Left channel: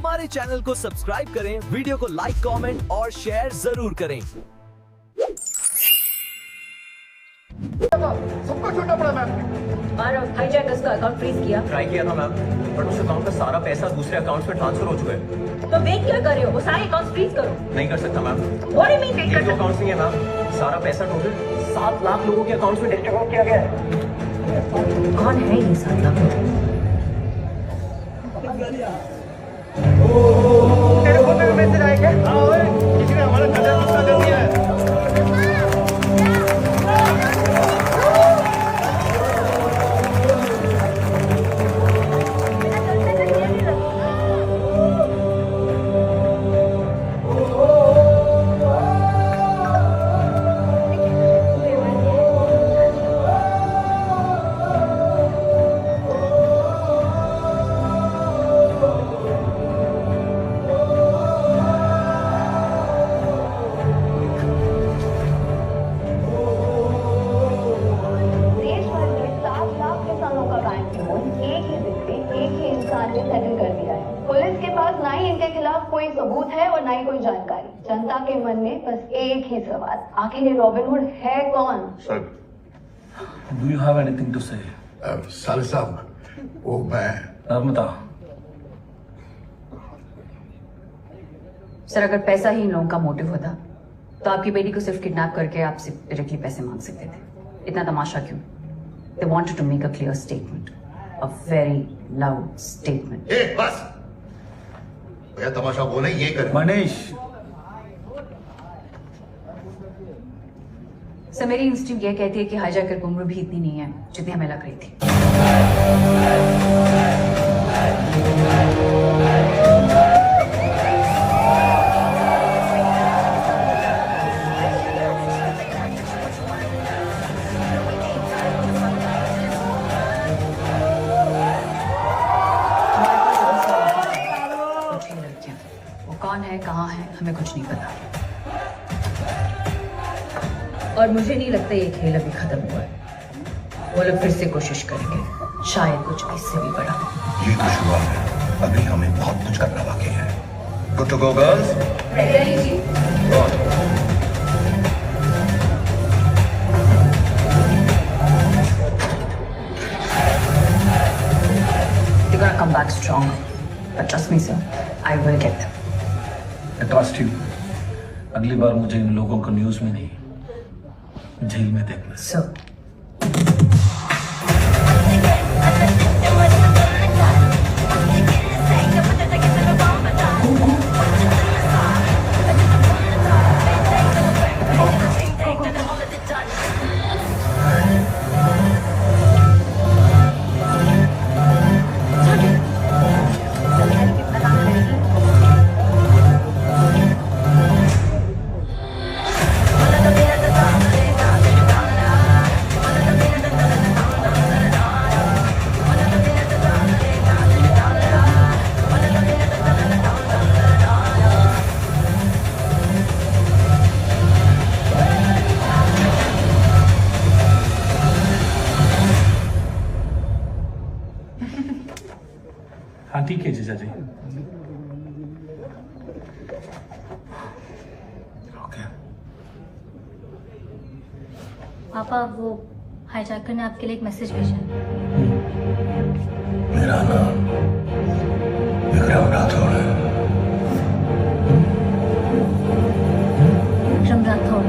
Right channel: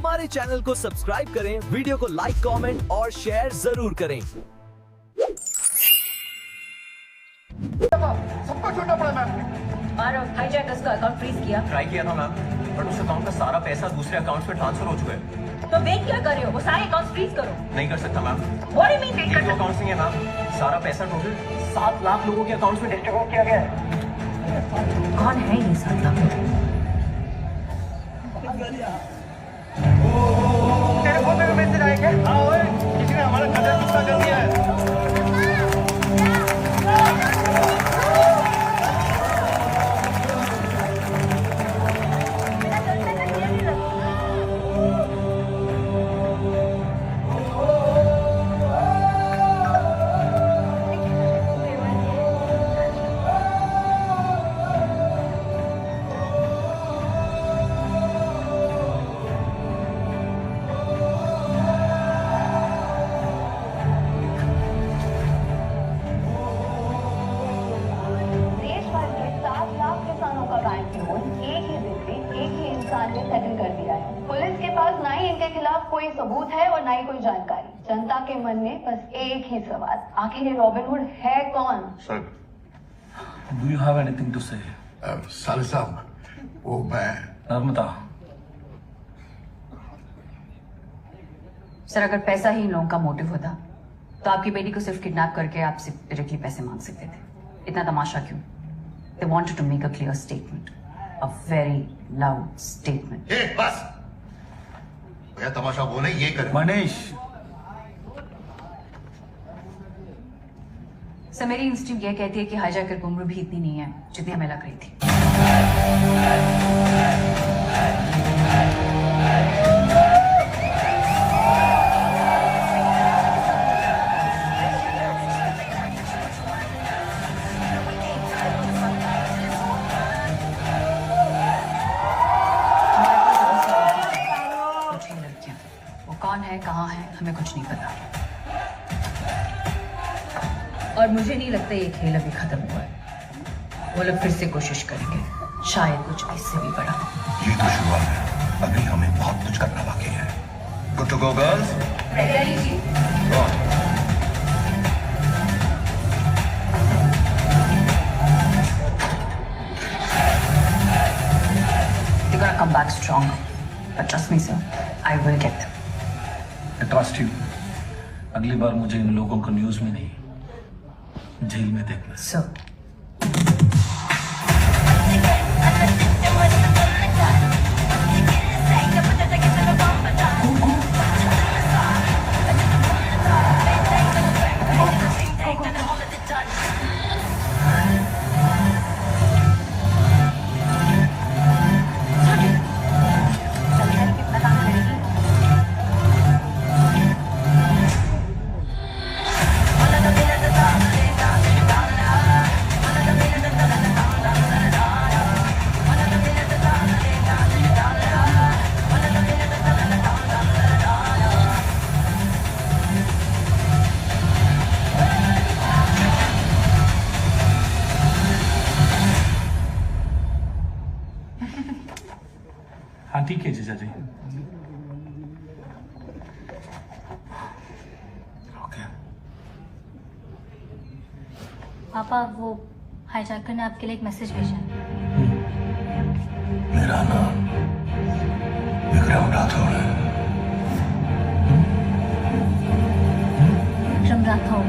हमारे चैनल को सब्सक्राइब करें, वीडियो को लाइक, कमेंट और शेयर जरूर करें। सबको छोड़ना पड़ा मैम। हाईजैकर्स का अकाउंट फ्रीज किया। ट्राई किया था मैम, बट उस अकाउंट का सारा पैसा दूसरे अकाउंट में ट्रांसफर हो चुका है। तो वेट क्या कर रहे हो? वो सारे अकाउंट फ्रीज करो। नहीं कर सकता ma'am. What do you mean wait ये कर जो सकते? अकाउंट नहीं है मैम, सारा पैसा टोटल 7 लाख लोगों के अकाउंट में डिस्ट्रीब्यूट किया गया है। कौन है ये 7 लाख लोग? तेरे फोन में मैसेज आया क्या? हाँ ओए, किसी ने हमारा खाता गुप्ता कर दिया है। देश भर में 7 लाख किसानों का बैंक लोन एक ही दिन में एक ही इंसान ने सेटल कर दिया है। पुलिस के पास ना ही इनके खिलाफ कोई सबूत है और ना ही कोई जानकारी। जनता के मन में बस एक ही सवाल, आखिर ये रॉबिनहुड है कौन? Sir, Do you have anything to say? साले साहब, वो मैं नर्मदा, सर अगर पैसा ही इन लोगों का मोटिव होता तो आपकी बेटी को सिर्फ किडनैप करके आपसे डायरेक्टली पैसे मांग सकते थे। इतना तमाशा क्यों? They wanted to make a clear statement, a very loud statement. ए बस भैया, तमाशा बोले ये कर। मनीष, सर मेरी इंस्टिंक्ट ये कहती है कि हाईजैकर की उम्र भी इतनी नहीं है जितनी हमें लग रही थी। कुछ ही लड़कियां, वो कौन है, कहाँ है, हमें कुछ नहीं पता। और मुझे नहीं लगता ये खेल अभी खत्म हुआ है। वो लोग फिर से कोशिश करेंगे, शायद कुछ इससे भी बड़ा। ये तो शुरुआत है, अभी हमें बहुत कुछ करना बाकी है। Good to go girls? They're gonna come back stronger. But trust me, sir, I will get them. I trust you. अगली बार मुझे इन लोगों को न्यूज में नहीं, जेल में देखना। Sir. हाँ ठीक है जीजा जी। ओके। पापा वो हाईजैकर ने आपके लिए एक मैसेज भेजा है। मेरा नाम विक्रम राठौड़ है। विक्रम राठौड़।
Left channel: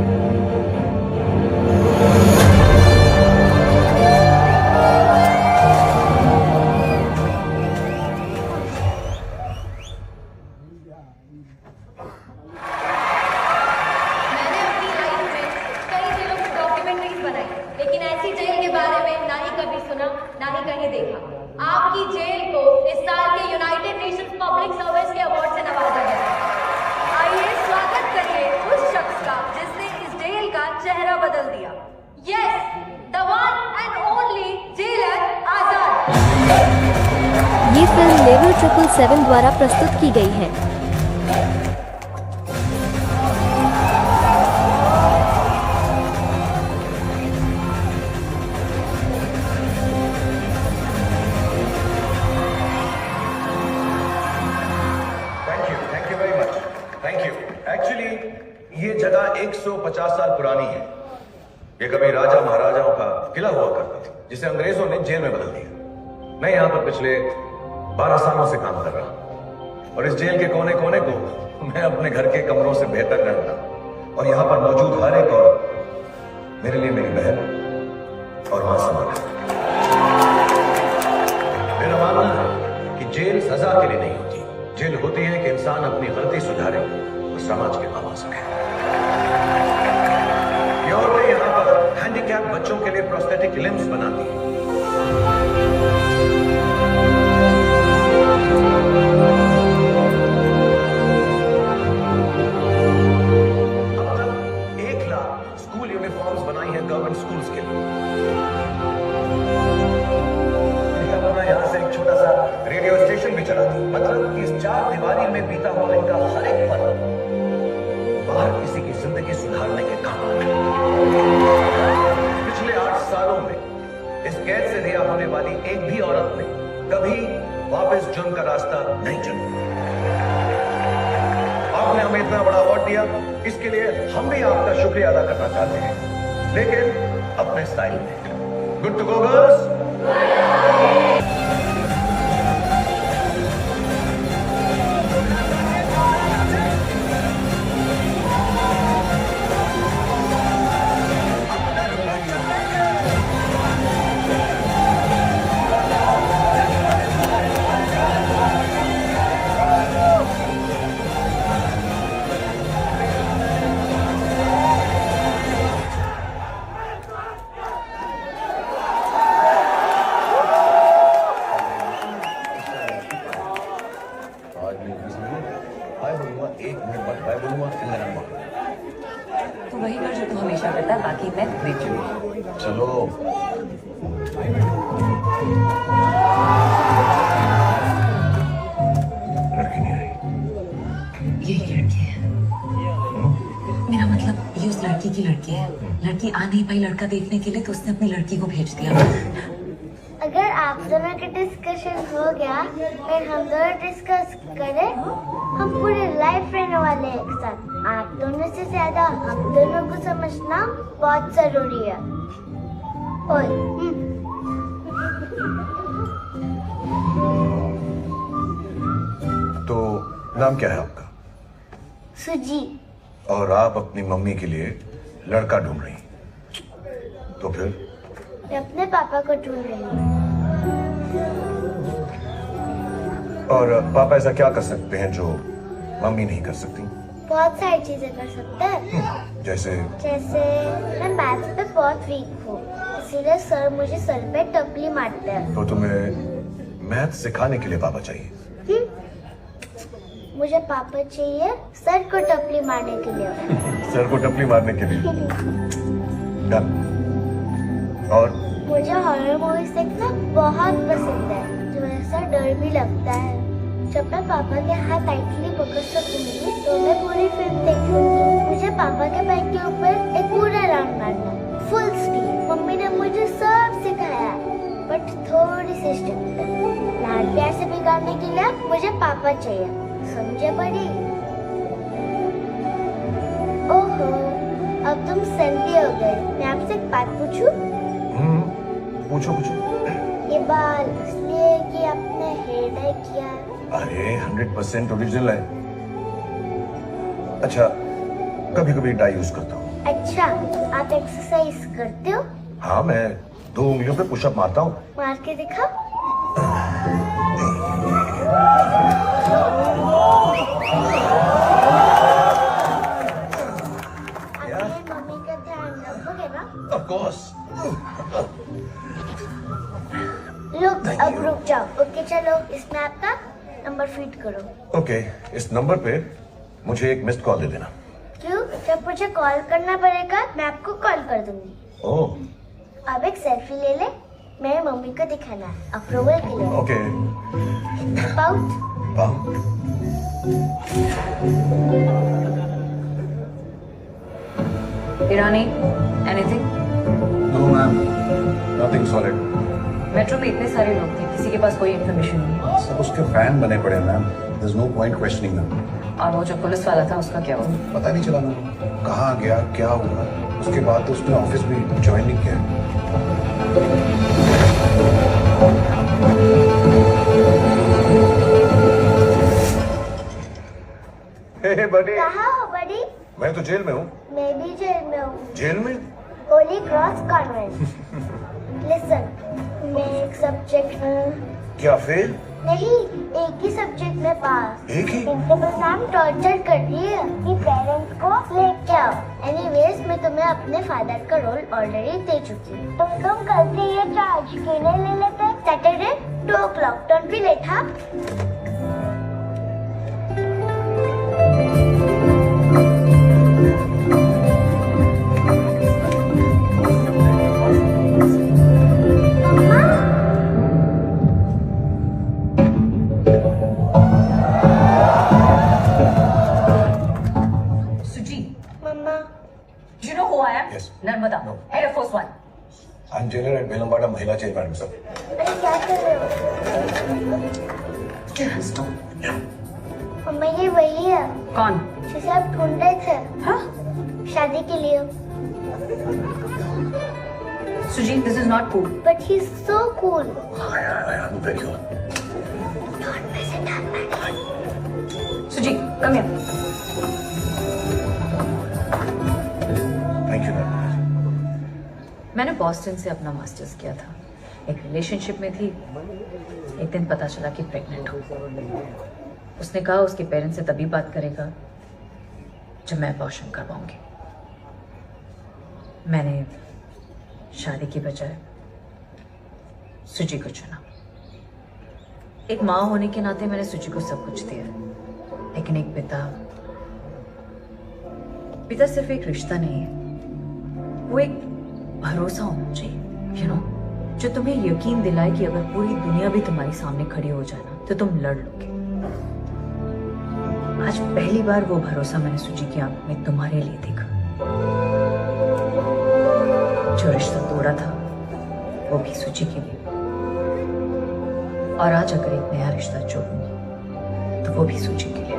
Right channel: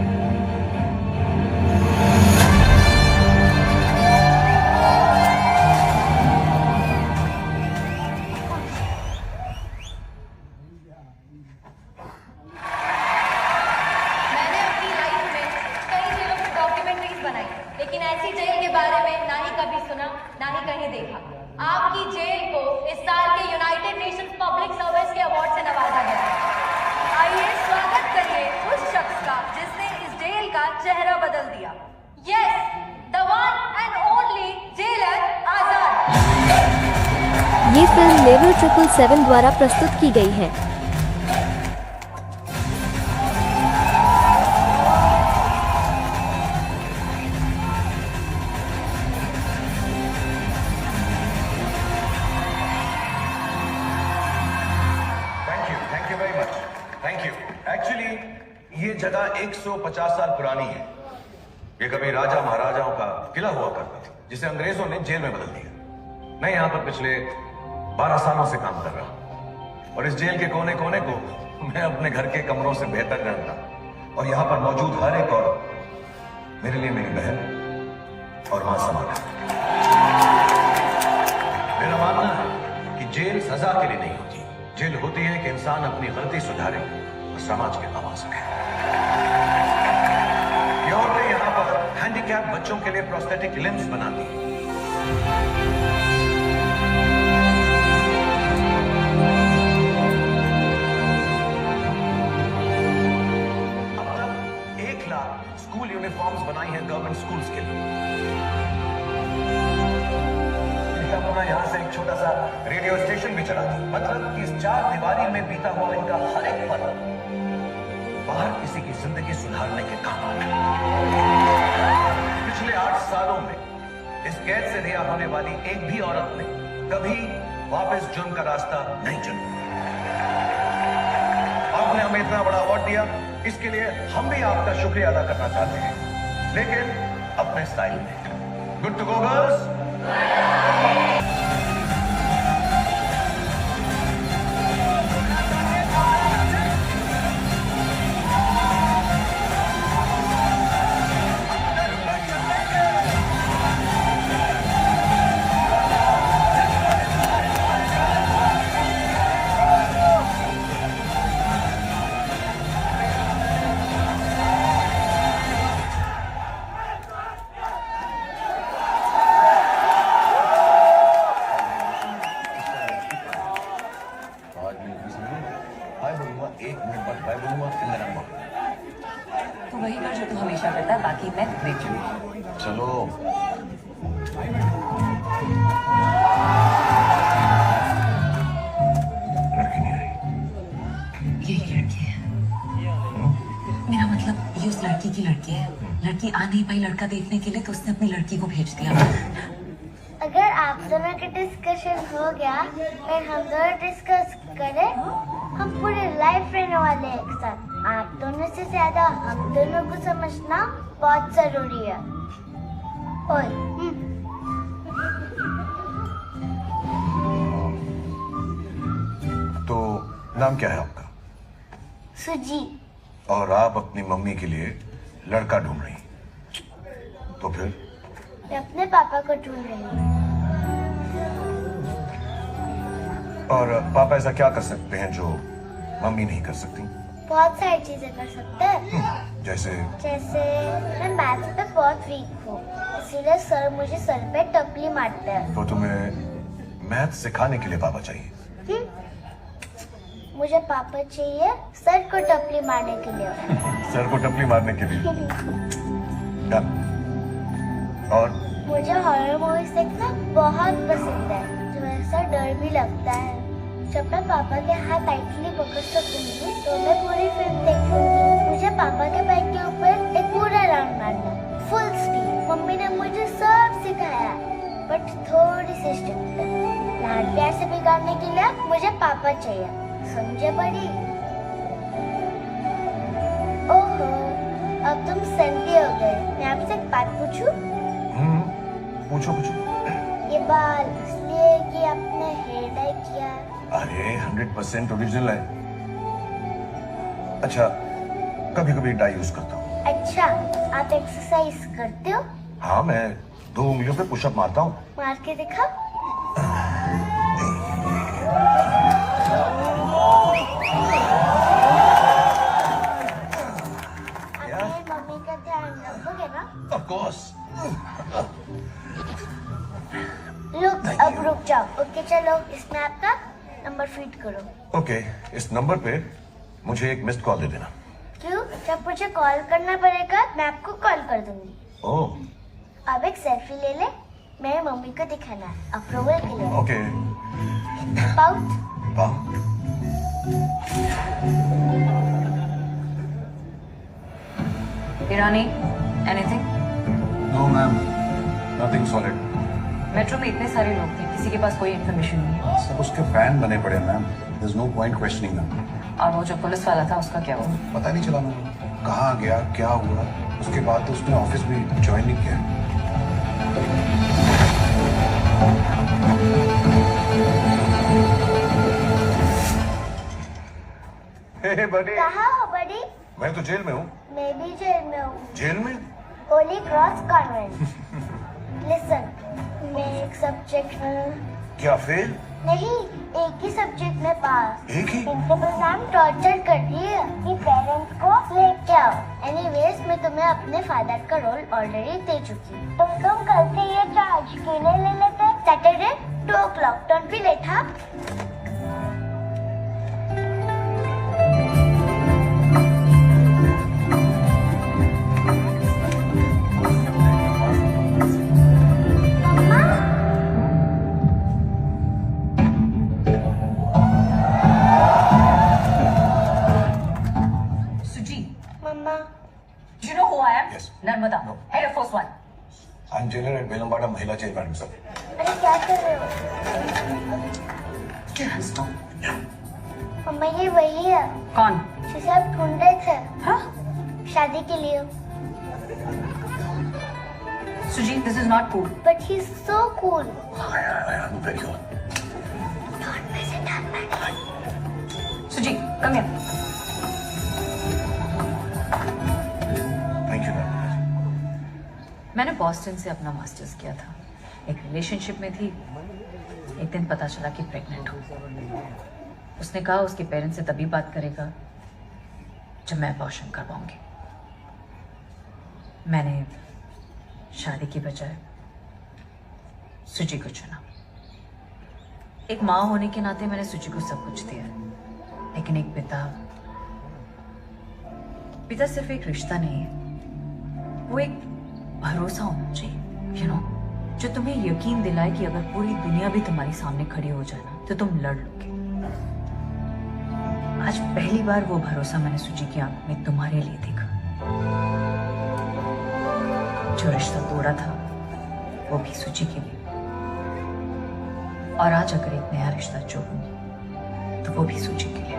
मैंने अपनी लाइफ में कई जेलों की डॉक्यूमेंट्रीज बनाई, लेकिन ऐसी जेल के बारे में ना ही कभी सुना, ना ही कहीं देखा। आपकी जेल को इस साल के यूनाइटेड नेशंस पब्लिक सर्विस के अवार्ड से नवाजा गया। आइए स्वागत करिए उस शख्स का जिसने इस जेल का चेहरा बदल दिया। Yes, the one and only jailer Azad. ये फिल्म लेवल 777 द्वारा प्रस्तुत की गई है। Thank you. एक्चुअली ये जगह 150 साल पुरानी है। ये कभी राजा महाराजाओं का किला हुआ करता था, जिसे अंग्रेजों ने जेल में बदल दिया। मैं यहाँ पर पिछले 12 सालों से काम कर रहा हूँ और इस जेल के कोने कोने को मैं अपने घर के कमरों से बेहतर जानता हूँ। और यहाँ पर मौजूद हर एक औरत मेरे लिए मेरी बहन और मां समान है। मेरा मानना है कि जेल सजा के लिए नहीं होती, जेल होती है कि इंसान अपनी गलती सुधारे और समाज के काम आ सके। ये औरतें यहाँ पर हैंडीकैप बच्चों के लिए प्रोस्थेटिक लिम्स बनाती हैं। अब तक 1 लाख स्कूल यूनिफॉर्म्स बनाई हैं गवर्नमेंट स्कूल्स के लिए। यहाँ से एक छोटा सा रेडियो स्टेशन भी चला, मतलब इस 4 दीवारी में बीता हुआ इनका हर एक पल बाहर किसी की जिंदगी सुधारने के काम आ रहा है। पिछले 8 सालों में इस कैद से रिहा होने वाली एक भी औरत ने कभी वापस जुर्म का रास्ता नहीं चुना। आपने हमें इतना बड़ा अवार्ड दिया, इसके लिए हम भी आपका शुक्रिया अदा करना चाहते हैं, लेकिन अपने स्टाइल में। Good to go girls. Hi बोलूंगा, 1 मिनट बाद बाय बोलूंगा, फिर मेरा नंबर। तो वही कर जो तू हमेशा करता है, बाकी मैं देख लूंगी। चलो। लड़की नहीं आई। यही लड़की है। मेरा मतलब ये उस लड़की की लड़की है। लड़की आ नहीं पाई लड़का देखने के लिए, तो उसने अपनी लड़की को भेज दिया। अगर आप दोनों का डिस्कशन हो गया, फिर हम दोनों डिस्कस करें, हम पूरे लाइफ रहने वाले हैं एक साथ। आप दोनों से ज्यादा हम दोनों को समझना बहुत जरूरी है। ओए, तो नाम क्या है आपका? सुजी। और आप अपनी मम्मी के लिए लड़का ढूंढ रही, तो फिर? मैं अपने पापा को ढूंढ रही हूँ। और पापा ऐसा क्या कर सकते हैं जो मम्मी नहीं कर सकती? बहुत सारी चीजें कर सकते हैं। जैसे मैं मैथ्स पे बहुत वीक हूँ, इसीलिए सर मुझे सर पे टपली मारते हैं। तो तुम्हें मैथ सिखाने के लिए पापा चाहिए? मुझे पापा चाहिए सर को टपली मारने के लिए। सर को टपली मारने के लिए। डन। और मुझे हॉरर मूवीज देखना बहुत पसंद है, जो ऐसा डर भी लगता है। जब मैं पापा के हाथ टाइटली पकड़ सकूंगी तो मैं पूरी फिल्म देखूंगी। मुझे पापा के बाइक के ऊपर एक पूरा राउंड मारना, फुल स्पीड। मम्मी ने मुझे सब सिखाया, बट थोड़ी सी स्ट्रिक्ट है। लाड प्यार से बिगाड़ने के लिए मुझे पापा चाहिए, समझे बड़ी? ओहो, अब तुम संती हो गए। मैं आपसे एक बात पूछूं? पूछो पूछो। ये बाल इसलिए कि आपने हेयर डाई किया? अरे 100% ओरिजिनल है। अच्छा, कभी कभी डाई यूज करता हूँ। अच्छा, आप एक्सरसाइज करते हो? हाँ, मैं 2 उंगलियों पे पुशअप मारता हूँ। मार के दिखा। मम्मी का ध्यान रखोगे ना? Of course. अब रुक जाओ। ओके, चलो इसमें आपका नंबर फीड करो। ओके, इस नंबर पे मुझे एक मिस्ड कॉल दे देना। क्यों? जब मुझे कॉल करना पड़ेगा मैं आपको कॉल कर दूंगी। ओह। अब एक सेल्फी ले ले, मेरे मम्मी को दिखाना है अप्रूवल के लिए। Okay. Pout. Irani, anything? No ma'am, nothing solid. Metro में इतने सारे लोग थे, किसी के पास कोई इन्फॉर्मेशन नहीं है। सब उसके फैन बने पड़े ma'am, there is no point questioning them. और वो जो पुलिस वाला था उसका क्या हुआ? पता नहीं चला मुझे कहाँ गया, क्या हुआ। उसके बाद तो उसने ऑफिस भी ज्वाइन नहीं किया। हे बड़ी, कहाँ हो बड़ी? मैं तो जेल में हूँ। मैं भी जेल में हूँ। जेल में? Holi cross convent. लिसन, मैं एक सब्जेक्ट क्या फेल? नहीं, एक ही सब्जेक्ट में पास। एक ही? प्रिंसिपल मैम टॉर्चर कर रही है कि पेरेंट्स को लेके आओ। एनीवेज, मैं तुम्हें अपने फादर का रोल ऑलरेडी दे चुकी हूँ। तुम कल से ये चार्ज क्यों नहीं ले लेते? Saturday 2 o'clock, don't be late. हाँ, You know who I am? Yes. Narmada. No. Head of Force 1. I'm jailer at Belambada Mahila Jail, Madam Sir. अरे क्या कर रहे हो? मम्मा, ये वही है कौन? जिसे आप ढूंढ रहे थे। हाँ? शादी के लिए। Sujit, this is not cool. But he's so cool. I am very cool. Don't mess it up. Sujit, come here. Thank you, Narmada जी। मैंने बॉस्टन से अपना मास्टर्स किया था। एक रिलेशनशिप में थी। एक दिन पता चला कि प्रेग्नेंट हूँ। उसने कहा उसके पेरेंट्स से तभी बात करेगा जब मैं अबॉर्शन करवाऊंगी। मैंने शादी की बजाय सुजी को चुना। एक माँ होने के नाते मैंने सुजी को सब कुछ दिया, लेकिन एक पिता सिर्फ एक रिश्ता नहीं है, वो एक भरोसा होना चाहिए, जो तुम्हें यकीन दिलाए कि अगर पूरी दुनिया भी तुम्हारे सामने खड़ी हो जाए ना तो तुम लड़ लोगे। आज पहली बार वो भरोसा मैंने सुजी की आंख में तुम्हारे लिए देखा। जो रिश्ता तोड़ा था वो भी सुजी के लिए, और आज अगर एक नया रिश्ता जोड़ूंगी तो वो भी सुजी के लिए।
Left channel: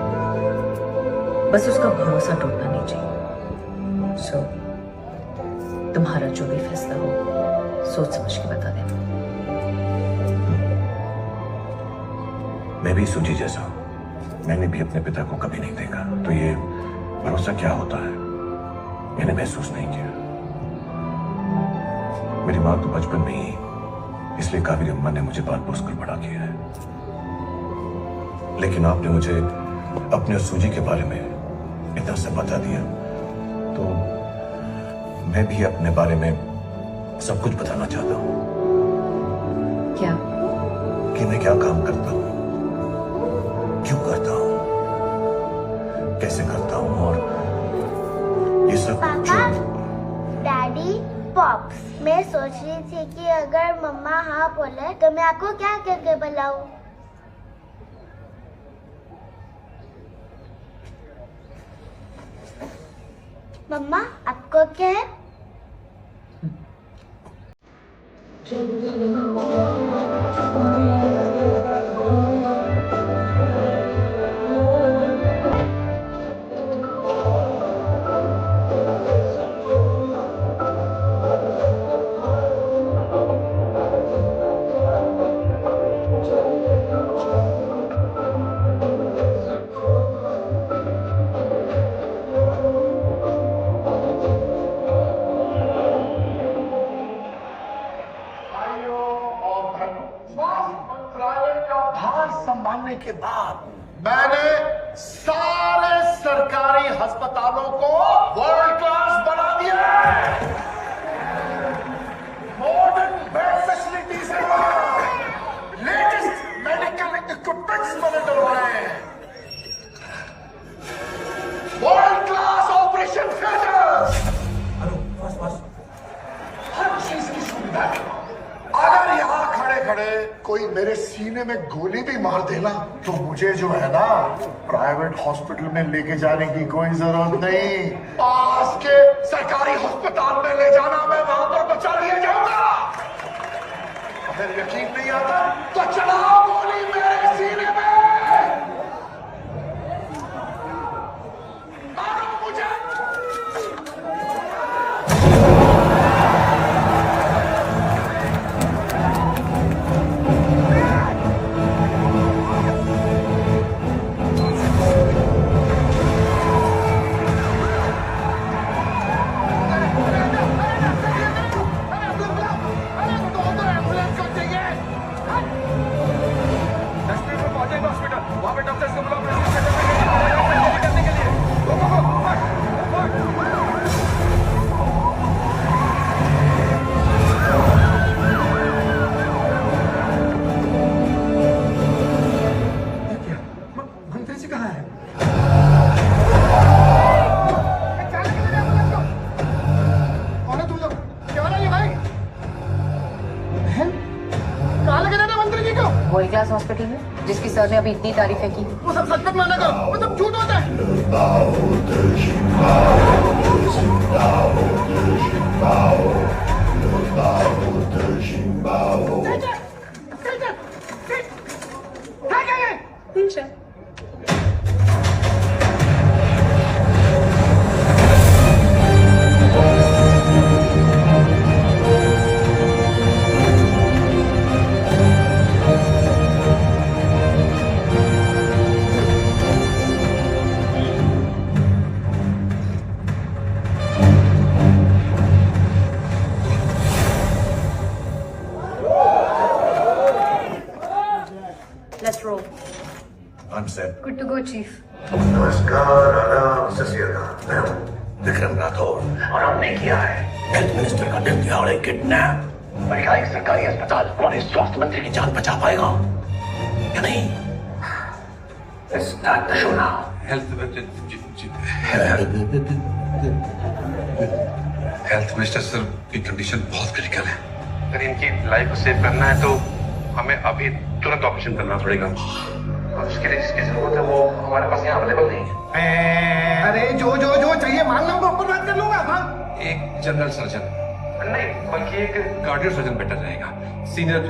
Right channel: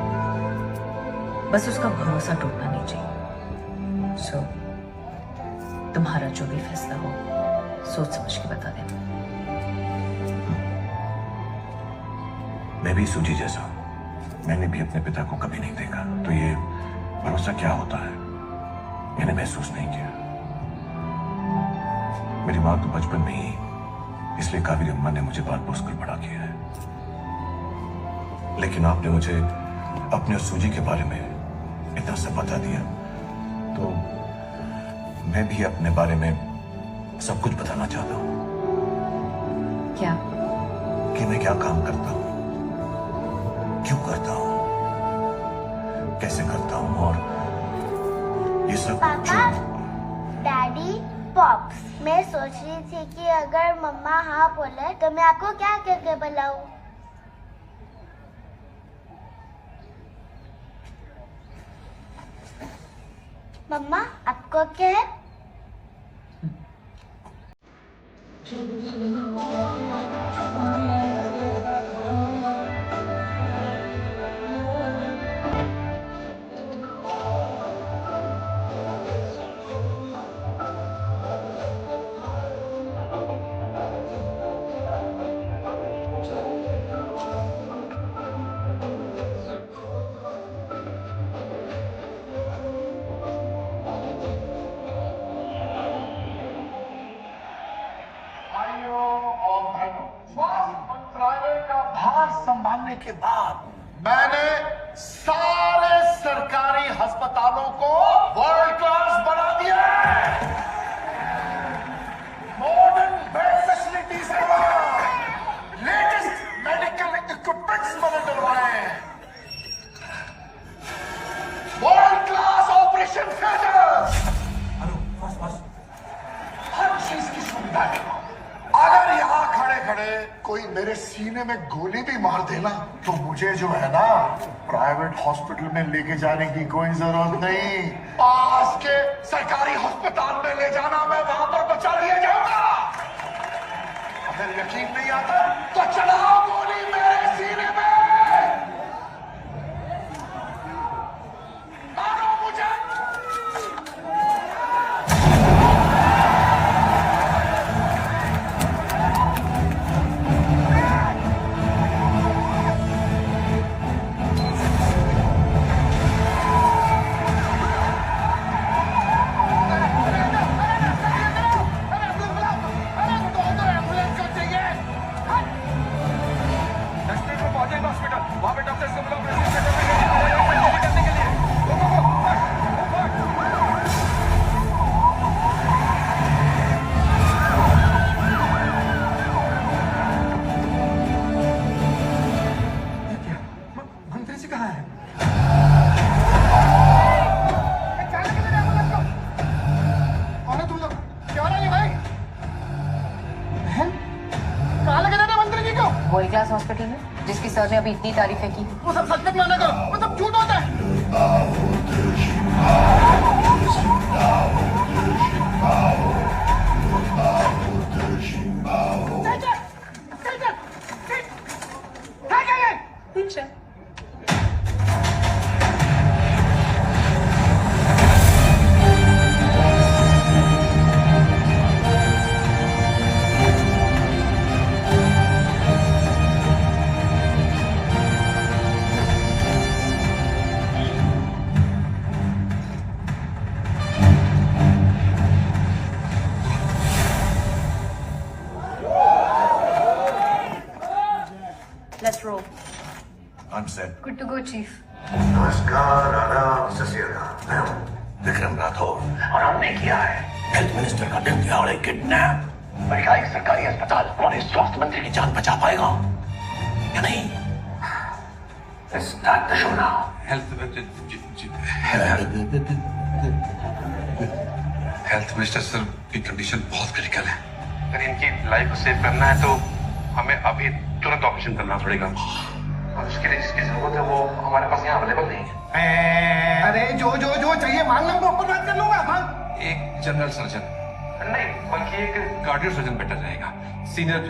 बस उसका भरोसा टूटना नहीं चाहिए। सो तुम्हारा जो भी फैसला हो सोच समझ के बता देना। मैं भी सुजी जैसा हूं। मैंने भी अपने पिता को कभी नहीं देखा, तो ये भरोसा क्या होता है मैंने महसूस नहीं किया। मेरी माँ तो बचपन में ही, इसलिए कावेरी अम्मा ने मुझे पाल पोस कर बड़ा किया है। लेकिन आपने मुझे अपने सूजी के बारे में इतना सब बता दिया, तो मैं भी अपने बारे में सब कुछ बताना चाहता हूँ। क्या? कि मैं क्या काम करता हूँ, क्यों करता हूँ, कैसे करता हूँ, और ये सब। पापा, डैडी, पॉप्स, मैं सोच रही थी कि अगर मम्मा हाँ बोले तो मैं आपको क्या करके बुलाऊं? मम्मा, आपको क्या है? संभालने के बाद मैंने सारे सरकारी अस्पतालों को वर्ल्ड क्लास बना दिया है। मॉडर्न बेड फैसिलिटीज के बाद लेटेस्ट मेडिकल इक्विपमेंट्स मैंने डलवाए हैं। वर्ल्ड क्लास ऑपरेशन थिएटर, हर चीज की सुविधा है। अगर यहाँ खड़े खड़े कोई मेरे सीने में गोली भी मार देना तो मुझे जो है ना प्राइवेट हॉस्पिटल में लेके जाने की कोई जरूरत नहीं। पास के सरकारी अस्पताल में ले जाना, मैं वहां पर बचा लिया जाऊंगा। अगर यकीन नहीं आता तो चलाओ गोली मेरे सीने में। कौन है तुम लोग? क्या हो रहा है भाई? कहाँ लगे रहते मंत्री जी को? वर्ल्ड क्लास हॉस्पिटल में, जिसकी सर ने अभी इतनी तारीफें की। वो सब सच मत माना करो, वो सब झूठ होता है। Let's roll. I'm set. Good to go, Chief. नमस्कार, आदाब, सत श्री अकाल। मैं हूँ विक्रम राठौर और हमने किया है हेल्थ मिनिस्टर का दिन दिहाड़े किडनैप। पर क्या एक सरकारी अस्पताल हमारे स्वास्थ्य मंत्री की जान बचा पाएगा या नहीं? Let's start the show now. Health minister sir की कंडीशन बहुत क्रिटिकल है। अगर इनकी लाइफ को सेव करना है तो हमें अभी तुरंत ऑपरेशन करना पड़ेगा। और उसके लिए जिसकी जरूरत है वो हमारे पास यहाँ अवेलेबल नहीं है। अरे जो चाहिए मांग लो, ऊपर बात कर लूंगा। हाँ, एक जनरल सर्जन नहीं बल्कि एक कार्डियो सर्जन बेटर रहेगा। Senior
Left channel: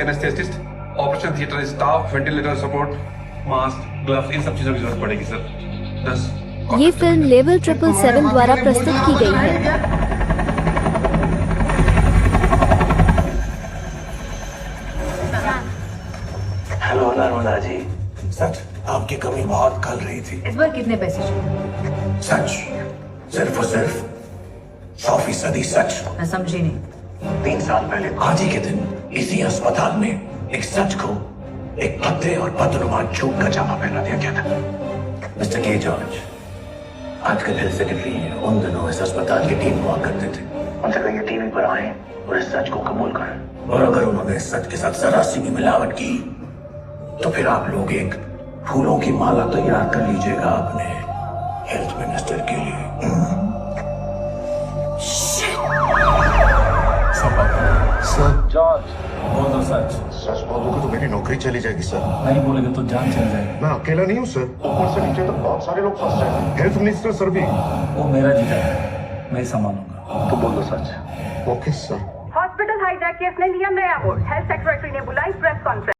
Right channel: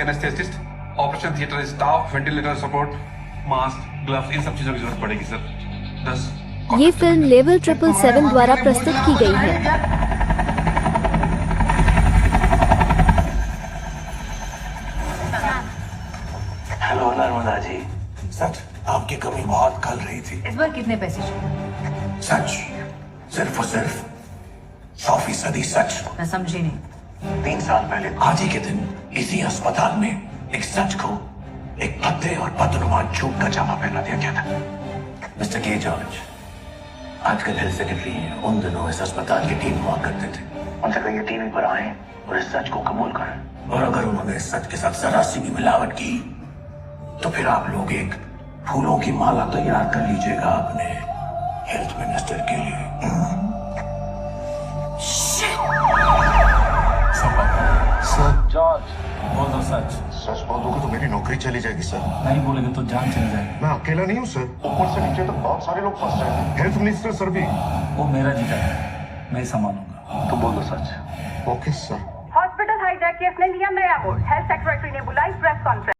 anaesthetist, operation theatre staff, ventilator support, mask, gloves, इन सब चीजों की जरूरत पड़ेगी सर। 10 ये फिल्म लेवल 777 द्वारा प्रस्तुत की गई है। हेलो नर्मदा जी, सच आपकी कमी बहुत खल रही थी। इस बार कितने पैसे चाहिए? सच, सिर्फ और सिर्फ 100% सच। मैं समझी नहीं। 3 साल पहले आज ही के दिन इसी अस्पताल में एक सच को एक भद्दे और बदनुमान झूठ का जामा पहना दिया गया था। मिस्टर के जॉर्ज आजकल हेल्थ सेक्रेटरी हैं, उन दिनों इस अस्पताल की टीम हुआ करते थे। उनसे कहिए टीवी पर आए और इस सच को कबूल करें। और अगर उन्होंने इस सच के साथ जरा सी भी मिलावट की तो फिर आप लोग एक फूलों की माला तैयार कर लीजिएगा अपने हेल्थ मिनिस्टर के लिए। सर जॉर्ज बोल दो सच। सच बोलोगे तो मेरी नौकरी चली जाएगी सर। नहीं बोलेगे तो जान चली जाएगी। मैं अकेला नहीं हूँ सर, ऊपर से नीचे तक बहुत सारे लोग फंस जाएंगे। हेल्थ मिनिस्टर सर भी। वो मेरा जीता है, मैं संभालूंगा। तो बोल दो सच। Okay sir. Hospital hijack case ने लिया नया मोड़, हेल्थ सेक्रेटरी ने बुलाई प्रेस कॉन्फ्रेंस।